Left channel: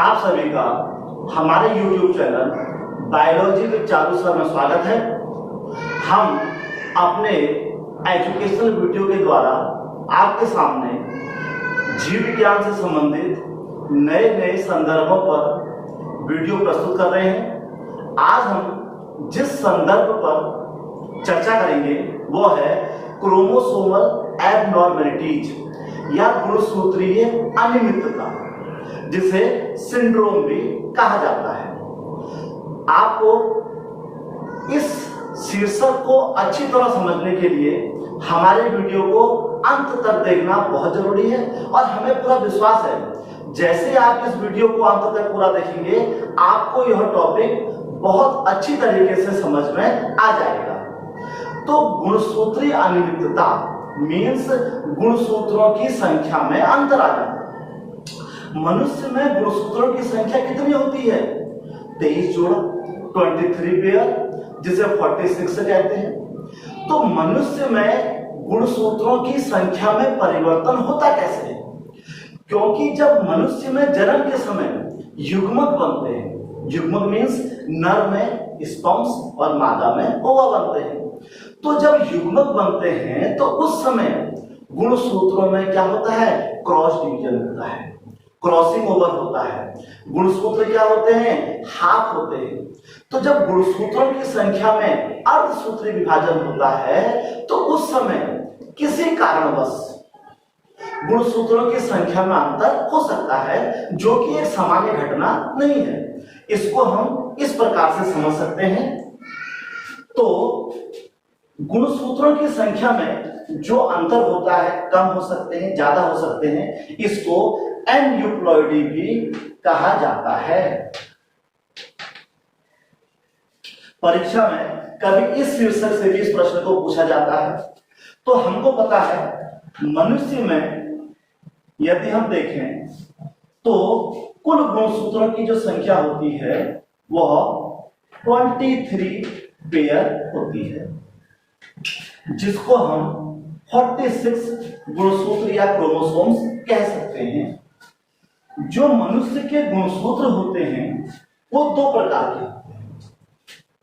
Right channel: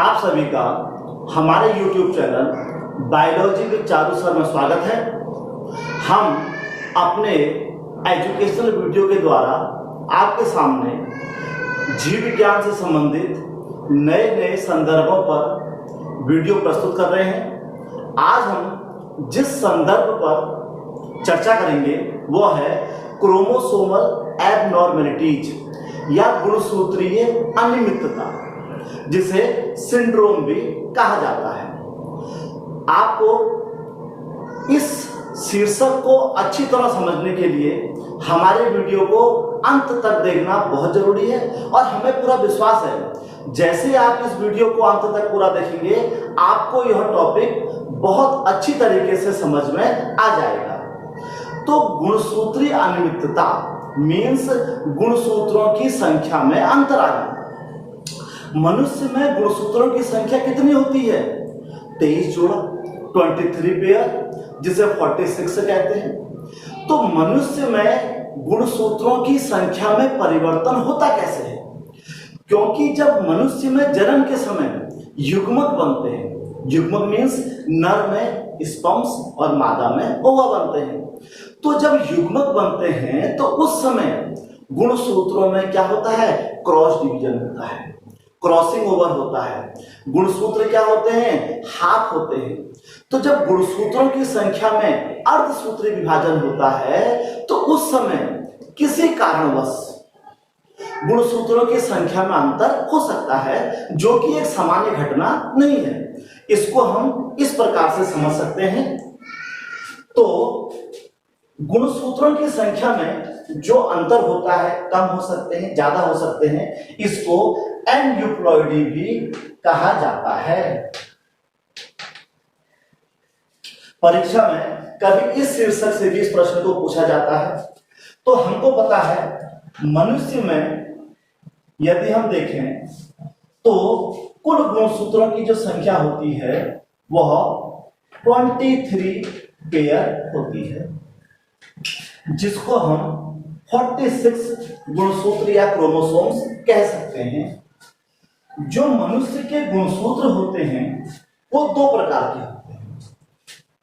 आप सभी का हमारे YouTube channel biology with Charu sir में स्वागत है। हम अपने एजुकेशनल वीडियो के द्वारा आपके सामने जीव विज्ञान से संबंधित नए नए संदर्भों पर वीडियो प्रस्तुत कर रहे हैं। आज हम जिस संदर्भ पर चर्चा करेंगे वो है क्रोमोसोमल एबनॉर्मेलिटीज या गुणसूत्रीय अनियमितता, जिसे सिंड्रोम भी कहा जाता है। आपको इस शीर्षक को अच्छी तरह समझने के लिए हमारे वीडियो को अंत तक देखना बहुत जरूरी है और हमें पूरा विश्वास है जैसे आप इस वीडियो को अंत तक पूरा देखेंगे आपको यह टॉपिक बहुत अच्छी तरीके से समझ में आ जाएगा। तो गुणसूत्रीय अनियमितता मीन्स गुणसूत्रों की संख्या में अंतर आ जाना। मनुष्य में गुणसूत्रों की संख्या कितनी होती है? 23 जोड़ा, 23 पेयर, जिसे 46 कहते हैं। तो मनुष्य में गुणसूत्रों की संख्या में परिवर्तन होता कैसे है? क्योंकि जब मनुष्य में जन्म के समय युग्मक बनते हैं, युग्मक मीन्स नर में स्पर्म्स और मादा में ओवा बनते हैं। तो जब युग्मक बनते हैं तो उस समय गुणसूत्रों में क्या होता है? क्रॉस डिवीजन होता है, क्रॉसिंग ओवर होता है। गुणसूत्र क्या होते हैं? हाफ होते हैं। तो जब गुणसूत्रों की संख्या में अर्धसूत्री विभाजन होता है तो उस समय किसी कारणवश गुणसूत्रों की संख्या में अंतर हो सकता है, जो कि एक सामान्य घटना नहीं है। इसको हम इस प्रकार से समझ सकते हैं। तो गुणसूत्रों की संख्या में जो अंतर होता है, कम हो सकते हैं, ज्यादा हो सकते हैं, इसको एन्यूप्लॉइडी भी कहा जाता है। परीक्षा में कभी इस शीर्षक से भी इस प्रश्न को पूछा जाता है। तो हमको पता है मनुष्य में यदि हम देखें तो कुल गुणसूत्रों की जो संख्या होती है वह 23 पेयर होती है, जिसको हम 46 गुणसूत्र या क्रोमोसोम्स कह सकते हैं। जो मनुष्य के गुणसूत्र होते हैं वो दो प्रकार के होते हैं।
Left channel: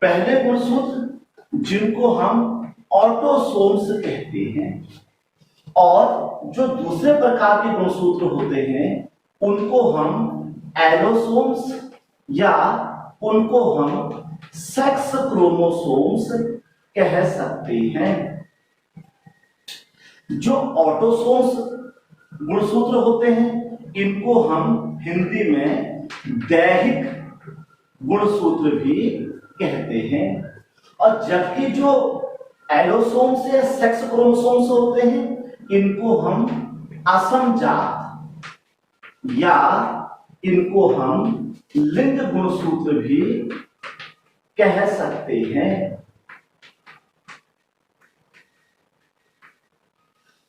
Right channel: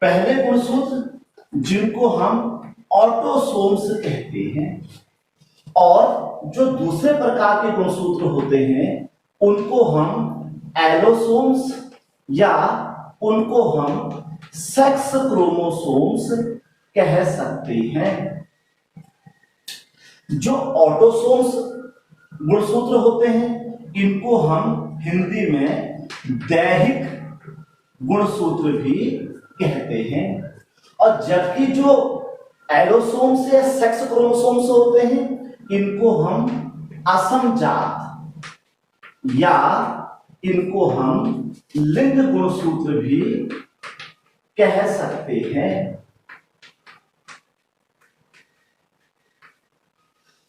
पहले गुणसूत्र जिनको हम ऑटोसोम्स कहते हैं, और जो दूसरे प्रकार के गुणसूत्र होते हैं उनको हम एलोसोम्स या उनको हम सेक्स क्रोमोसोम्स कह सकते हैं। जो ऑटोसोम्स गुणसूत्र होते हैं इनको हम हिंदी में दैहिक गुणसूत्र भी कहते हैं, और जबकि जो एलोसोम्स या सेक्स क्रोमोसोम्स होते हैं इनको हम असमजात या इनको हम लिंग गुणसूत्र भी कह सकते हैं।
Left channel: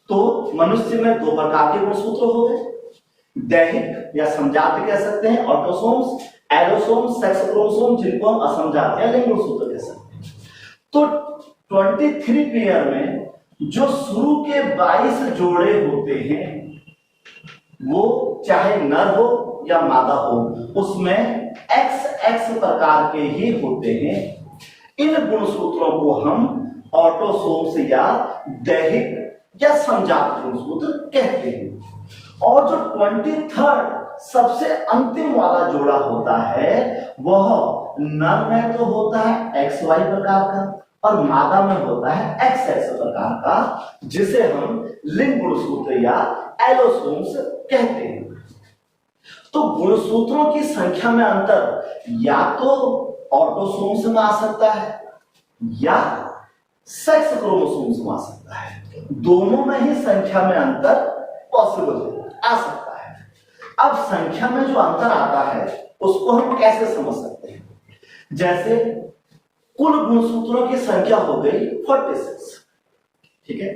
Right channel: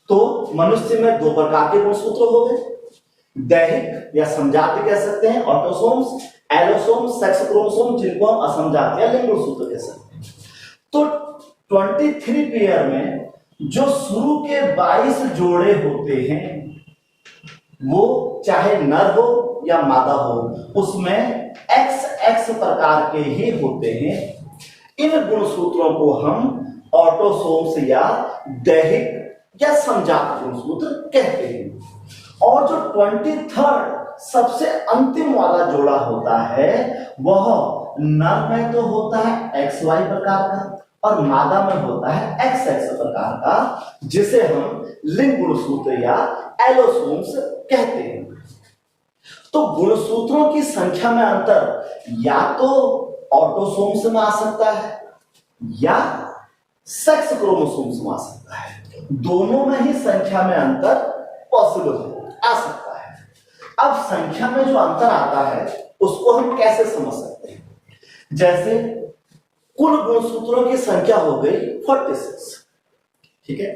तो मनुष्य में दो प्रकार के गुणसूत्र हो गए, दैहिक या समजात कह सकते हैं ऑटोसोम्स, एलोसोम्स, सेक्स क्रोमोसोम जिनको हम असमजात या लिंग गुणसूत्र कह सकते हैं। तो 23 पेयर में जो शुरू के 22 जोड़े होते हैं वो चाहे नर हो या मादा हो उसमें XX प्रकार के ही होते हैं। इन गुणसूत्रों को हम ऑटोसोम्स या दैहिक या समजात गुणसूत्र कहते हैं। और जो 23rd सबसे अंतिम वाला जोड़ा होता है वह नर में तो होता है XY प्रकार का और मादा में होता है XX प्रकार का, जिसे हम लिंग गुणसूत्र या एलोसोम्स कहते हैं। तो गुणसूत्रों की संख्या में अंतर या तो ऑटोसोम्स में आ सकता है या सेक्स क्रोमोसोम्स में आ सकता है। दोनों में ही संख्या में अंतर पॉसिबल आ सकता है। अब संख्या में जो अंतर आता है उसको हम कैसे समझ सकते हैं? जैसे कुल गुणसूत्रों की संख्या हो गई 46, ठीक है,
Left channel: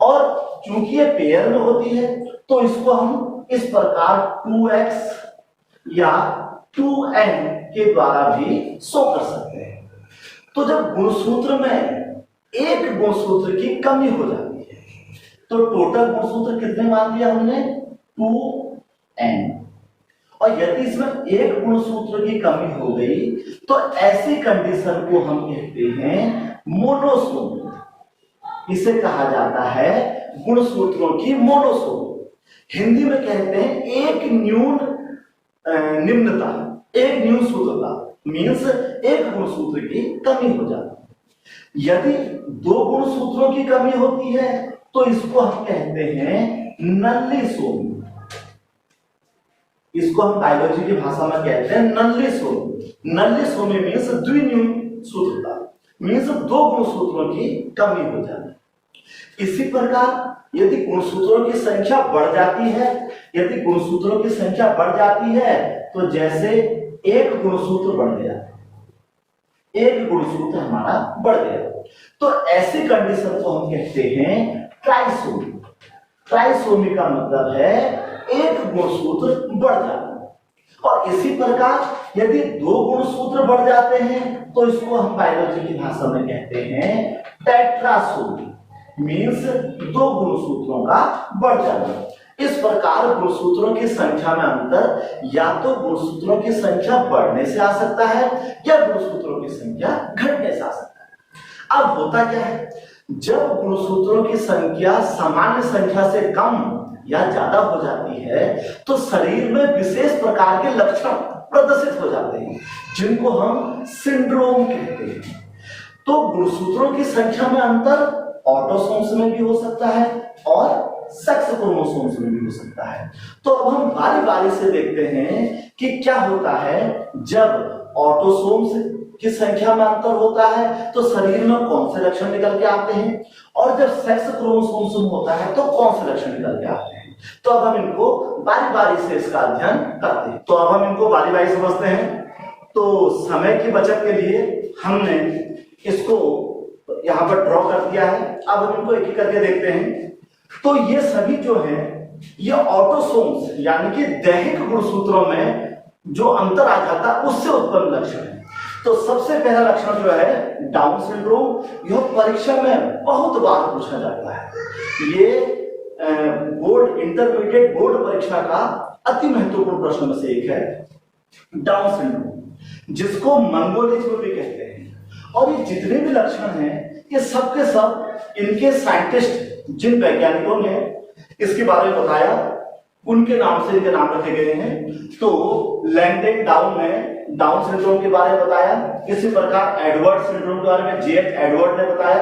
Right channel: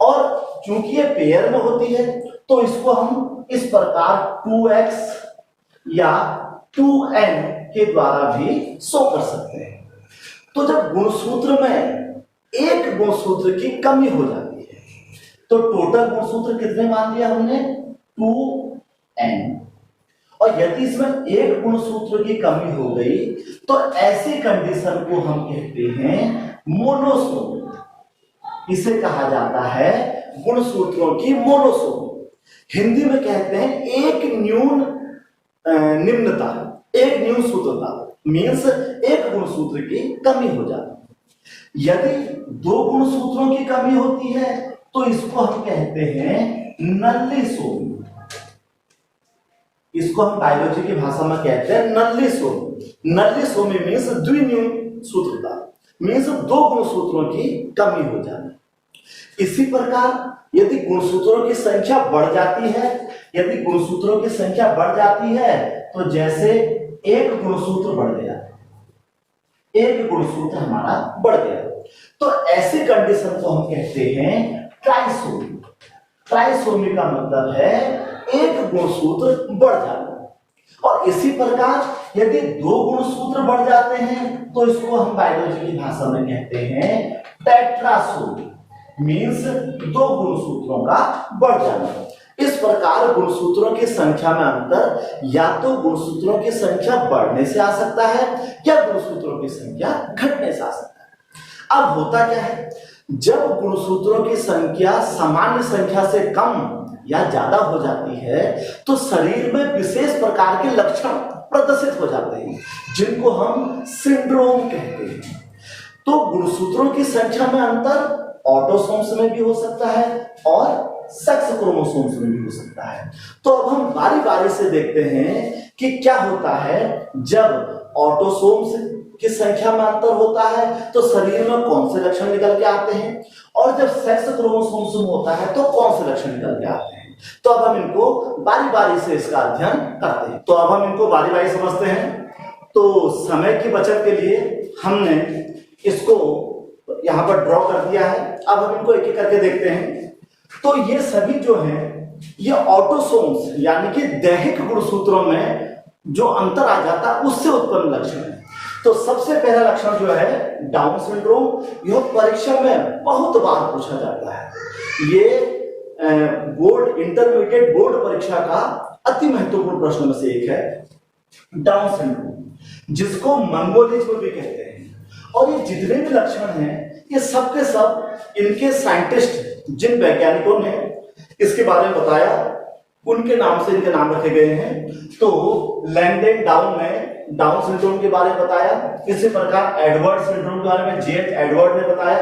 और चूंकि ये पेयर में होती है तो इसको हम इस प्रकार 2x या 2n के द्वारा भी शो कर सकते हैं। तो जब गुणसूत्र में एक गुणसूत्र की कमी हो जाती है तो टोटल गुणसूत्र कितने मान लिया हमने? 2n, और और यदि इसमें एक गुणसूत्र की कमी हो गई तो ऐसी कंडीशन को हम कहते हैं मोनोसोम। इसे कहा जाता है गुणसूत्रों की मोनोसोम। हिंदी में कहते हैं एक न्यून निम्नता, एक न्यून सूत्रता, मीन्स एक गुणसूत्र की कमी हो जाती। यदि दो गुणसूत्रों की कमी होती है तो इसको हम कहते हैं नल्लिसोम। इसको हम बायोलॉजी की भाषा में कहते हैं नल्लिसोम। नल्लिसोमी मीन्स द्विन्यून सूत्रता, मीन्स दो गुणसूत्रों की कमी हो जाती। इसी प्रकार यदि गुणसूत्रों की संख्या बढ़ जाती है, यदि गुणसूत्रों की संख्या बढ़ जाती है तो जैसे एक गुणसूत्र बढ़ गया, एक गुणसूत्र हमारा बढ़ गया, तो ऐसी कंडीशन को हम कहते हैं ट्राइसोमी। ट्राइसोमी का मतलब है एक गुणसूत्र बढ़ जाना। और इसी प्रकार यदि दो गुणसूत्र बढ़ जाते हैं तो इसको हम बायोलॉजी की भाषा में कहते हैं टेट्रासोमी, मीन्स दो गुणसूत्रों का बढ़ जाना। इस प्रकार गुणसूत्रों की संख्या में अंतर या तो गुणसूत्रों की संख्या बढ़ने से आ सकता है या गुणसूत्रों की संख्या घटने से आ सकता है। अब होता क्या है, जब गुणसूत्रों की संख्या सामान्य संख्या से कम या ज्यादा हो जाती है तो शरीर में विशेष प्रकार के लक्षण प्रदर्शित हो जाते हैं जिनको हम सिंड्रोम कहते हैं। तो गुणसूत्रों की संख्या में अंतर ऑटोसोम्स में भी हो सकता है और सेक्स क्रोमोसोम्स में भी हो सकता है। तो अब हम बारी बारी से देखते हैं कि क्या होता है जब ऑटोसोम्स की संख्या में अंतर होता है तो शरीर में कौन से लक्षण निकल के आते हैं, और जब सेक्स क्रोमोसोम्स में होता है तो कौन से लक्षण निकल के आते हैं। तो अब हम इनको बारी बारी से इसका अध्ययन करते हैं। तो अब हम इनको बारी बारी समझते हैं। तो समय की बचत के लिए हमने इसको यहाँ पर ड्रॉ कर दिया है। अब हम इनको एक एक करके देखते हैं। तो ये सभी जो हैं ये ऑटोसोम्स यानी कि दैहिक गुणसूत्रों में जो अंतर आ जाता है उससे उत्पन्न लक्षण है। तो सबसे पहला लक्षण जो है डाउन सिंड्रोम। यह परीक्षा में बहुत बार पूछा जाता है। ये बोर्ड इंटरमीडिएट बोर्ड परीक्षा का अति महत्वपूर्ण प्रश्न में से एक है डाउन सिंड्रोम, जिसको मंगोलिज्म भी कहते हैं। और ये जितने भी लक्षण हैं ये सब के सब इनके साइंटिस्ट जिन वैज्ञानिकों ने इसके बारे में बताया उनके नाम से इनके नाम रखे गए हैं। तो लैंगडन डाउन ने डाउन सिंड्रोम के बारे में बताया। इसी प्रकार एडवर्ड सिंड्रोम के बारे में जे एडवर्ड ने बताया।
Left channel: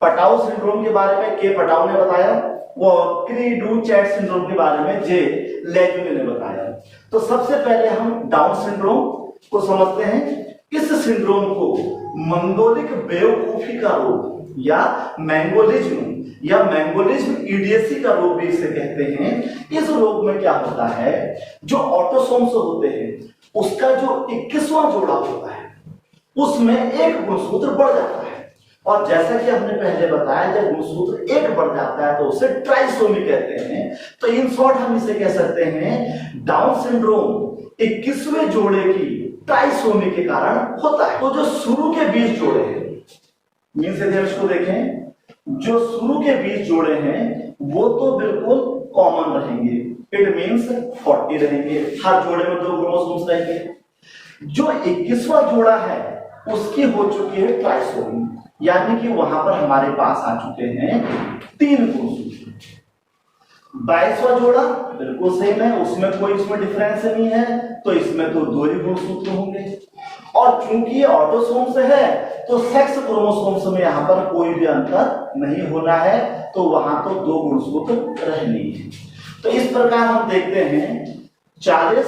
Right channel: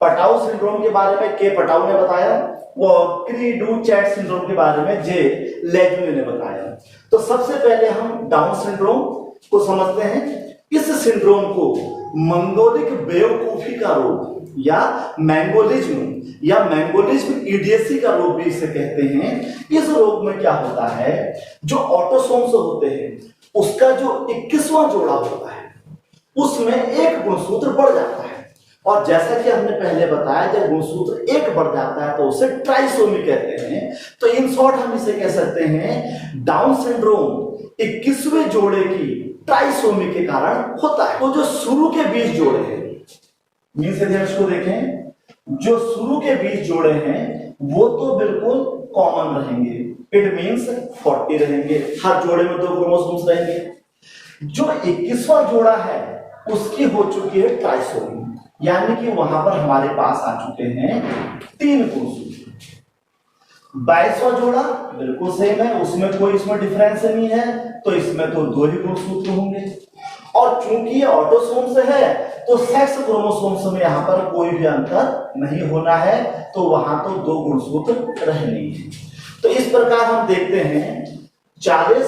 पटाउ सिंड्रोम के बारे में के पटाउ ने बताया। और क्री डू चैट सिंड्रोम के बारे में जे लेग्यूमे ने बताया। तो सबसे पहले हम डाउन सिंड्रोम को समझते हैं। इस सिंड्रोम को मंगोलिक बेवकूफी का रोग या मैंगोलिज्म इडियसी का रोग भी इसे कहते हैं। इस रोग में क्या होता है, जो ऑटोसोम्स होते हैं उसका जो 21वां जोड़ा होता है उसमें एक गुणसूत्र बढ़ जाता है। और जैसा कि हमने पहले बताया जब गुणसूत्र एक बढ़ जाता है तो उसे ट्राइसोमी कहते हैं। तो इन शॉर्ट हम इसे कह सकते हैं डाउन सिंड्रोम 21वें जोड़े की ट्राइसोमी के कारण होता है। तो जो शुरू के 20 जोड़े हैं, मीन्स को देखें, जो शुरू के 20 जोड़े हैं वो तो बिल्कुल कॉमन रहेंगे। इट मीन्स 40 रहेंगे, हर जोड़े में 2 क्रोमोसोम्स रहेंगे। जो 21वां जोड़ा है उसकी हो चुकी है ट्राइसोमी, यानी कि वहां पर हमारे पास आ चुके हैं 3 गुणसूत्र। 22वां जोड़ा बिल्कुल सेम है, उसमें कोई इसमें डिफरेंस नहीं है, तो इसमें तो 2 ही गुणसूत्र होंगे। और चूंकि ये ऑटोसोम्स है तो सेक्स क्रोमोसोम्स में यहां पर कोई भी अंतर नहीं होना है, तो वहां तो 2 गुणसूत्र रहने हैं। तो इस प्रकार हम देखते हैं 40,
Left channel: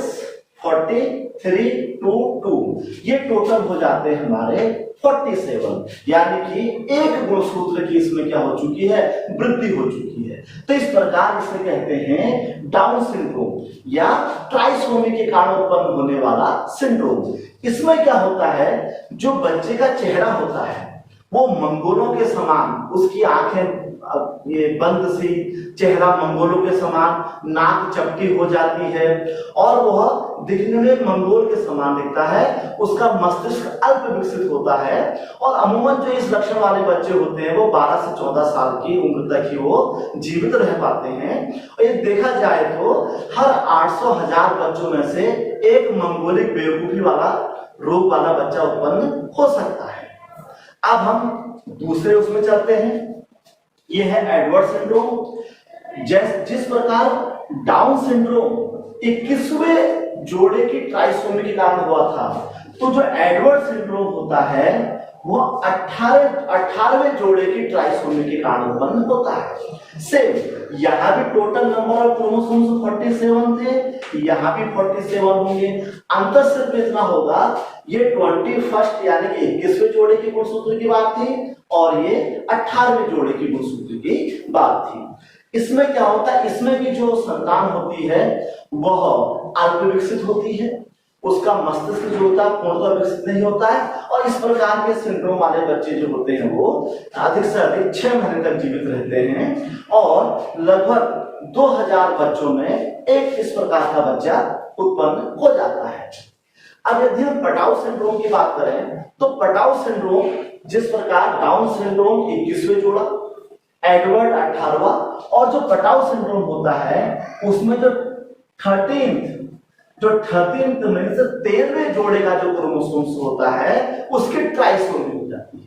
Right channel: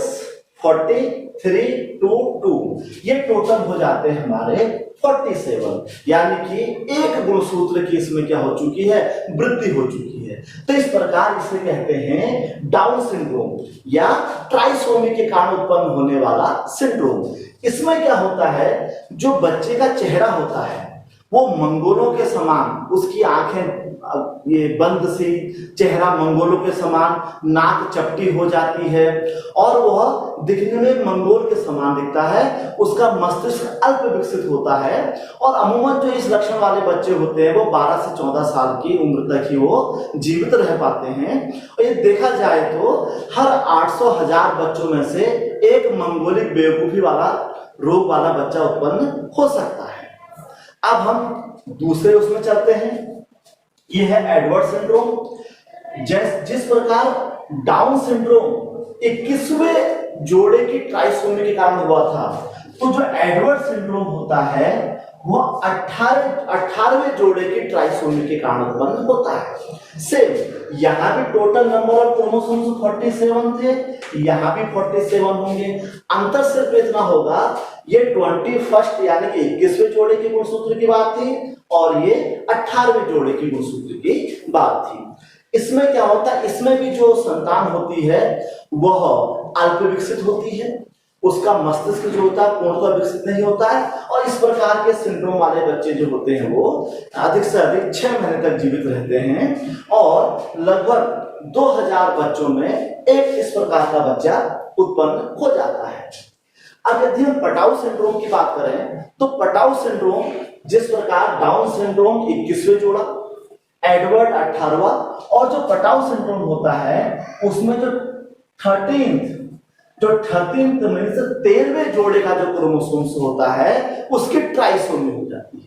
40, 3, 2, 2 ये टोटल हो जाते हैं हमारे 47, यानी कि एक गुणसूत्र की इसमें क्या हो चुकी है, वृद्धि हो चुकी है। तो इस प्रकार इसे कहते हैं डाउन सिंड्रोम या ट्राइसोमी के कारण उत्पन्न होने वाला सिंड्रोम। इसमें क्या होता है, जो बच्चे का चेहरा होता है वो मंगोलों के समान, उसकी आंखें ये बंद सी, चेहरा मंगोलों के समान, नाक चपटी हो जाती है और वह दिखने में मंगोल के समान दिखता है। उसका मस्तिष्क अल्प विकसित होता है और अमूमन जो इस लक्षण वाले बच्चे होते हैं वो 12 से 14 साल की उम्र तक ही वो जीवित रह पाते हैं। और ये देखा जाए तो हर 800,000 बच्चों में से एक मंगोलिक बेवकूफी वाला रोग वाला बच्चा उत्पन्न हो सकता है। अब हम दूसरे उसमें चलते हैं। ये है एडवर्ड सिंड्रोम। जिस प्रकार डाउन सिंड्रोम 21वें जोड़े की ट्राइसोमी के कारण हुआ था, तो जो एडवर्ड सिंड्रोम होता है वो 18वें जोड़े की ट्राइसोमी के कारण उत्पन्न होता है। सेम यहाँ भी टोटल नंबर ऑफ क्रोमोसोम्स 47 थे, यहाँ भी 47 होंगे। अंतर सिर्फ इतना होगा, ये 21st यानी कि 21वें जोड़े की गुणसूत्र की बात थी और ये 18वें जोड़े की गुणसूत्र की बात थी। इसमें क्या होता है, इसमें भी जो संतान होती है वह अल्प विकसित होती है, उसका मस्तिष्क जो होता है पूर्णतः विकसित नहीं होता है और इस प्रकार के सिंड्रोम वाले बच्चे जो होते हैं वो अधिक से अधिक 6 महीने तक जीवित रहते हैं और लगभग 2000 बच्चों में एक इस प्रकार का बच्चा उत्पन्न हो जाता है। अब यदि हम पटाऊ सिंड्रोम की बात करें तो पटाऊ सिंड्रोम जिस प्रकार डाउन सिंड्रोम 21वें जोड़ा, एडवर्ड 18वां और जो पटाऊ सिंड्रोम होता है उसमें जो 13वें जोड़े का जो क्रोमोसोम्स होता है उसकी ट्राइसोमी हो जाती है।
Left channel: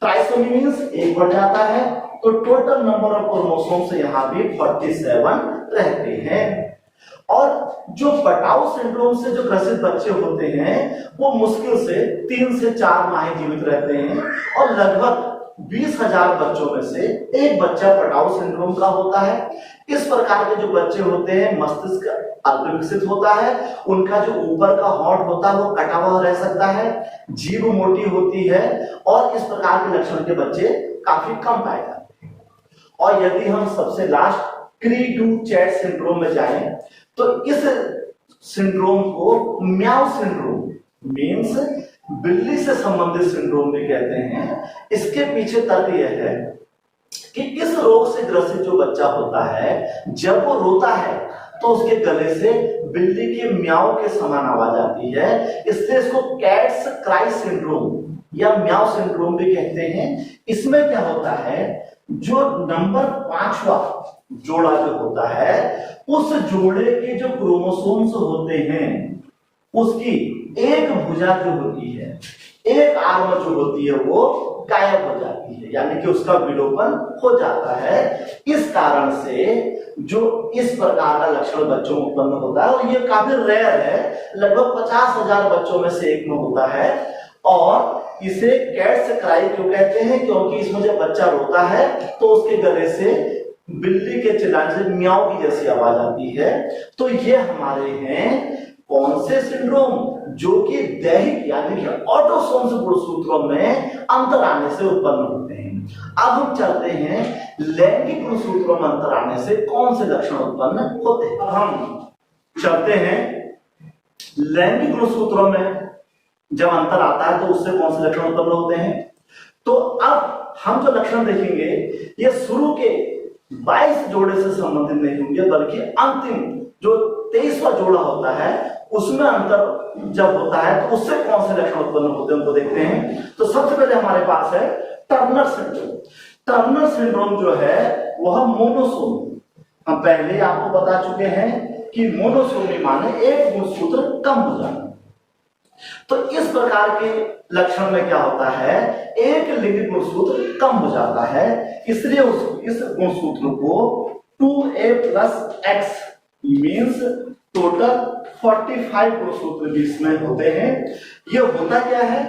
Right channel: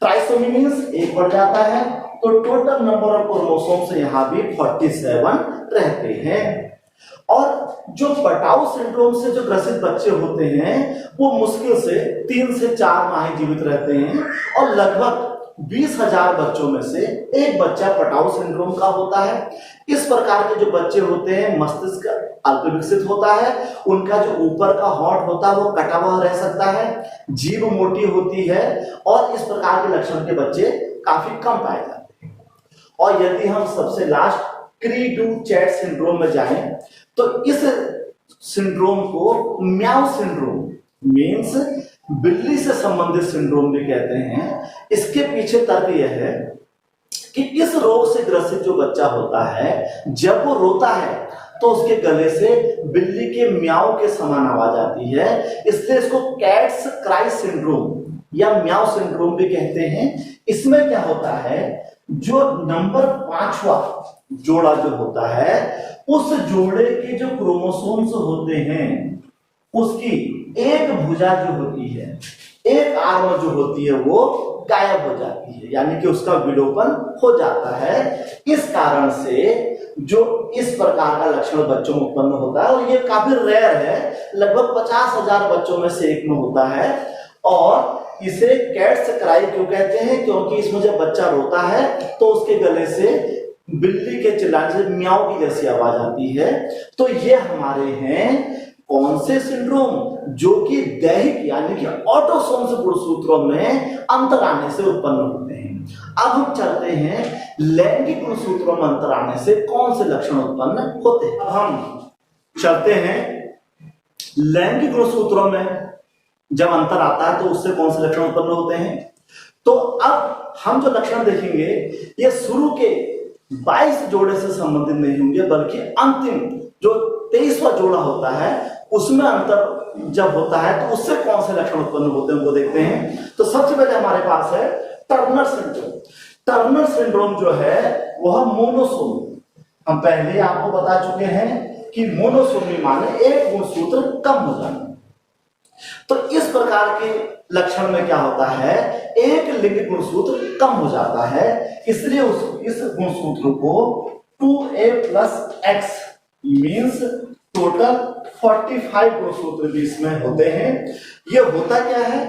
ट्राइसोमी मींस एक बढ़ जाता है, तो टोटल नंबर ऑफ क्रोमोसोम्स यहाँ भी 47 रहते हैं। और जो पटाऊ सिंड्रोम से जो ग्रसित बच्चे होते हैं वो मुश्किल से 3 से 4 माह जीवित रहते हैं और लगभग 20,000 बच्चों में से एक बच्चा पटाऊ सिंड्रोम का होता है। इस प्रकार के जो बच्चे होते हैं मस्तिष्क अल्प विकसित होता है, उनका जो ऊपर का होंठ होता है वो कटा हुआ रह सकता है, जीभ मोटी होती है और इस प्रकार के लक्षण के बच्चे काफी कम पाए जाते हैं। और यदि हम सबसे लास्ट क्री डू चैट सिंड्रोम में जाएं तो इस सिंड्रोम को म्याऊ सिंड्रोम मींस बिल्ली से संबंधित सिंड्रोम भी कहते हैं। इसके पीछे तर्क यह है कि इस रोग से ग्रसित जो बच्चा होता है जब वो रोता है तो उसके गले से बिल्ली के म्याऊ के समान आवाज आती है, इसलिए इसको कैट्स क्राई सिंड्रोम या म्याऊ सिंड्रोम भी कहते हैं। इसमें क्या होता है, जो नंबर 5वां जोड़ा जो होता है उस जोड़े के जो क्रोमोसोम्स होते हैं उसकी एक भुजा जो होती है, एक आर्म जो होती है वो गायब हो जाती है, यानी कि उसका विलोपन हो जाता है। इस कारण से जो इस प्रकार का लक्षण बच्चों में उत्पन्न होता है और ये काफी रेयर है, लगभग 50,000 बच्चों में से एक में होता है। और इसे कैट्स क्राई क्यों कहते हैं, क्योंकि इसमें जब बच्चा रोता है तो उसके गले से बिल्ली के चिल्लाने से म्याऊ की जैसी आवाज आती है। तो ये हमारे हैं कौन से सिंड्रोम, जो कि दैहिक यानी कि ऑटोसोम्स गुणसूत्रों में अंतर आने से उत्पन्न होते हैं। अब हम चलते हैं लैंगिक गुणसूत्रों में अंतर आने से कौन से लक्षण उत्पन्न होते हैं। अब हम चलते हैं लैंगिक गुणसूत्रों में जब अंतर आता है तो उससे कौन से लक्षण उत्पन्न होते हैं। तो अब हम जो लक्षण देखेंगे ये शुरू के 22 जोड़े से संबंधित नहीं होंगे, बल्कि अंतिम जो 23वां जोड़ा होता है उसमें अंतर जब होता है तो उससे कौन से लक्षण उत्पन्न होते हैं उनको देखते हैं। तो सबसे पहले हमारे पास है टर्नर सिंड्रोम। टर्नर सिंड्रोम जो है वह मोनोसोमी, हम पहले आपको बता चुके हैं कि मोनोसोमी माने एक गुणसूत्र कम हो जाना। तो इस प्रकार के लक्षण में क्या होता है, एक लिंग गुणसूत्र कम हो जाता है, इसलिए इस गुणसूत्र को 2a+x मींस टोटल 45 गुणसूत्र भी इसमें होते हैं। ये होता क्या है,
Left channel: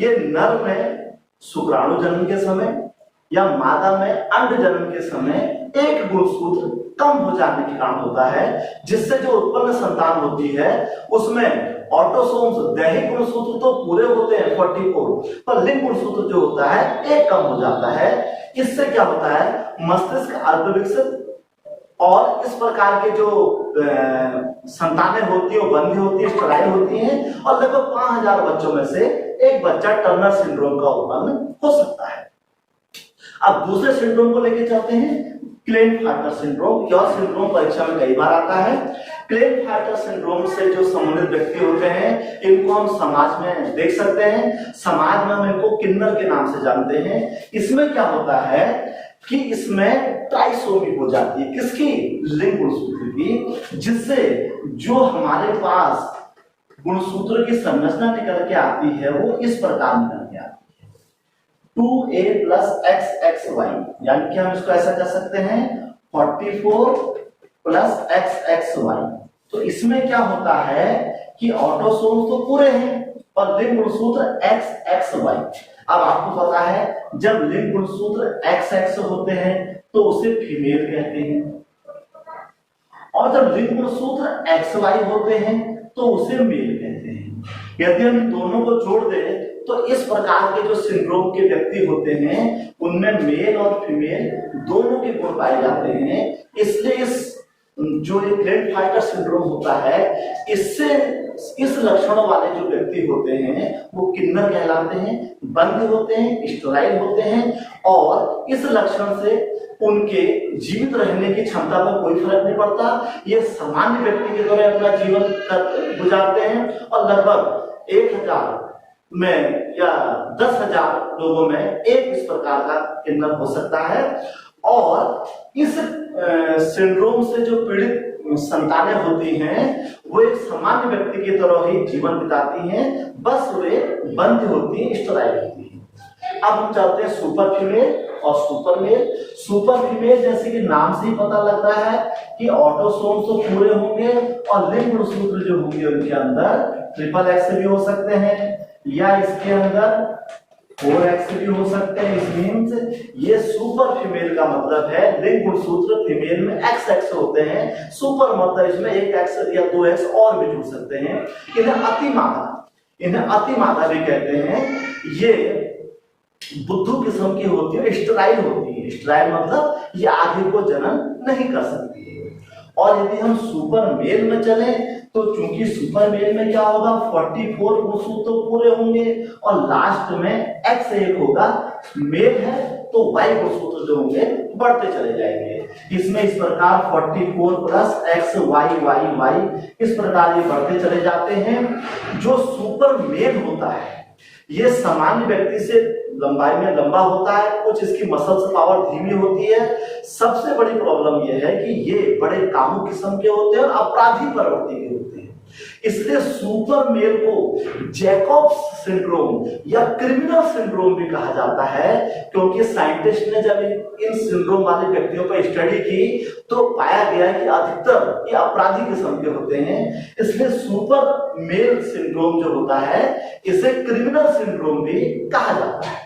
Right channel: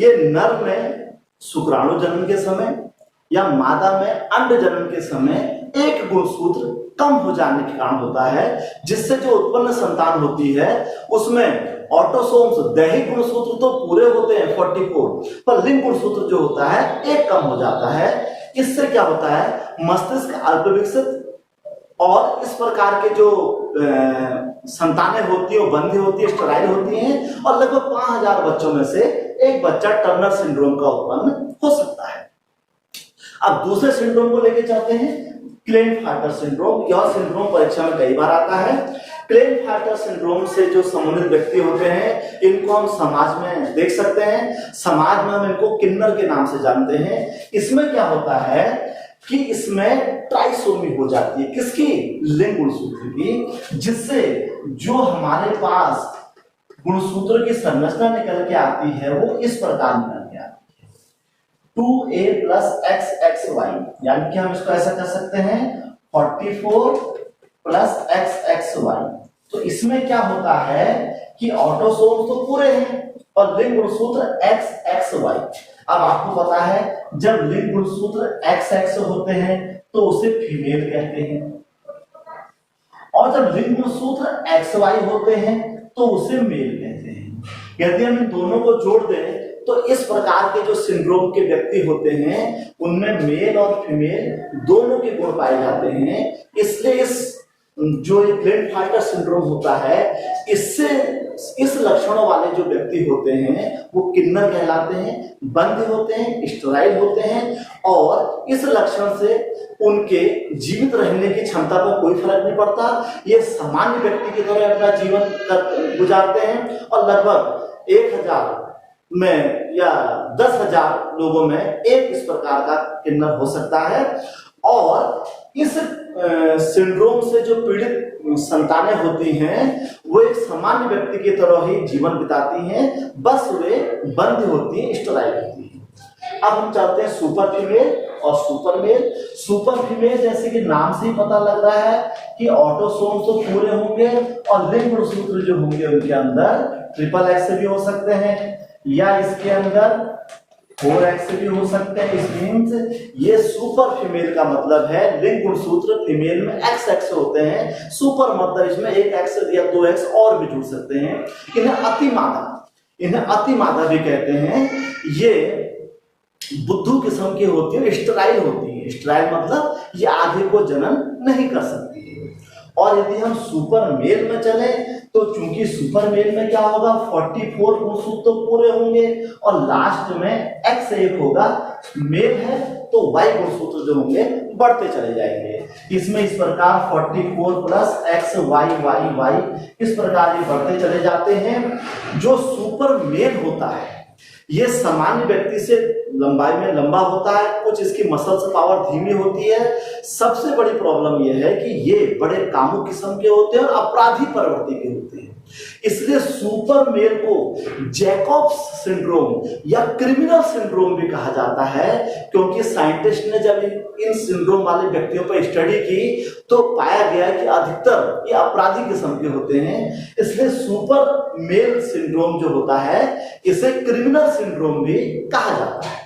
ये नर में शुक्राणु जन्म के समय या मादा में अंड जन्म के समय एक गुणसूत्र कम हो जाने के कारण होता है, जिससे जो उत्पन्न संतान होती है उसमें ऑटोसोम्स दैहिक गुणसूत्र तो पूरे होते हैं 44, पर लिंग गुणसूत्र जो होता है एक कम हो जाता है। इससे क्या होता है, मस्तिष्क अल्प विकसित और इस प्रकार के जो संतानें होती है वो बंधी होती है, स्टराइल होती हैं और लगभग 5000 बच्चों में से एक बच्चा टर्नर सिंड्रोम का उत्पन्न हो सकता है। अब दूसरे सिंड्रोम को लेके चलते हैं, क्लेन-फाल्टर सिंड्रोम। यह सिंड्रोम परीक्षा में कई बार आता है। क्लेन-फाल्टर सिंड्रोम से जो संबंधित व्यक्ति होते हैं, इनको हम समाज में देख सकते हैं। समाज में हम इनको किन्नर के नाम से जानते हैं। इसमें क्या होता है कि इसमें ट्राइसोमी हो जाती है, किसकी? लिंग गुणसूत्र की, जिससे जो हमारे पास गुणसूत्र की संरचना निकल के आती है वो इस प्रकार निकल के आती है 2a + xxy, यानी कि हम इसको ऐसा कर सकते हैं 44 + xxy। तो इसमें क्या होता है कि ऑटोसोम तो पूरे हैं और लिंग गुणसूत्र xxy। अब आपको पता है जब लिंग गुणसूत्र XX होते हैं तो उसे फीमेल कहते हैं, और जब लिंग गुणसूत्र XY होते हैं तो उसे मेल कहते हैं। यदि हम इन दोनों को जोड़ दें तो इस प्रकार के जो सिंड्रोम के व्यक्ति होते हैं उनमें मेल और फीमेल दोनों के गुण पाए जाते हैं। इसलिए इस जो ये क्लेन-फाल्टर सिंड्रोम होता है, इससे इस लक्षणों वाले जो व्यक्ति होते हैं वो किन्नर कहलाते हैं, बंध्य होते हैं, स्टेराइल होते हैं, और इस लक्षण से उनके जीवित रहने की क्षमता में कोई फर्क नहीं पड़ता। ये सामान्य व्यक्ति की तरह अपना जीवन गुजारते हैं और लगभग 1000 में या 10,000 लोगों में एक इस प्रकार का किन्नर हो सकता है। और इस सिंड्रोम से जो पीड़ित संतानें होती हैं वो एक सामान्य व्यक्ति की तरह ही जीवन बिताती हैं, बस वे बंद होती हैं, स्टेराइल होती हैं। अब हम चलते हैं सुपर फीमेल और सुपर मेल। सुपर फीमेल जैसे कि नाम से ही पता लग रहा है कि ऑटोसोम तो पूरे होंगे और लिंग गुणसूत्र जो होंगे उनके अंदर XXX भी हो सकते हैं या इसके अंदर 4X भी हो सकते हैं। इस मीन्स ये सुपर फीमेल का मतलब है लिंग गुणसूत्र फीमेल में XX होते हैं, सुपर मतलब इसमें 1X या 2X और भी जुड़ सकते हैं। इन्हें अतिमादा भी कहते हैं। ये बुद्धू किस्म की होती है, स्टेराइल होती है। स्टेराइल मतलब ये आगे को जन्म नहीं कर सकती है। और यदि हम सुपर मेल में चले तो चूंकि सुपर मेल में क्या होगा 44 गुणसूत्र तो पूरे होंगे और लास्ट में X एक होगा, मेल है तो Y गुणसूत्र जो होंगे बढ़ते चले जाएंगे। इसमें इस प्रकार 44 + X Y Y Y इस प्रकार ये बढ़ते चले जाते हैं। जो सुपर मेल होता है ये सामान्य व्यक्ति से लंबाई में लंबा होता है, कुछ इसकी मसल्स पावर धीमी होती है। सबसे बड़ी प्रॉब्लम यह है कि ये बड़े कामुक किस्म के होते हैं और अपराधी प्रवृत्ति के होते हैं। इसलिए सुपर मेल को जैकॉब्स सिंड्रोम या क्रिमिनल सिंड्रोम भी कहा जाता है, क्योंकि साइंटिस्ट ने जब इन सिंड्रोम वाले व्यक्तियों पर स्टडी की तो पाया गया कि अधिकतर ये अपराधी किस्म के होते हैं। इसलिए सुपर मेल सिंड्रोम जो होता है इसे क्रिमिनल सिंड्रोम भी कहा जाता है।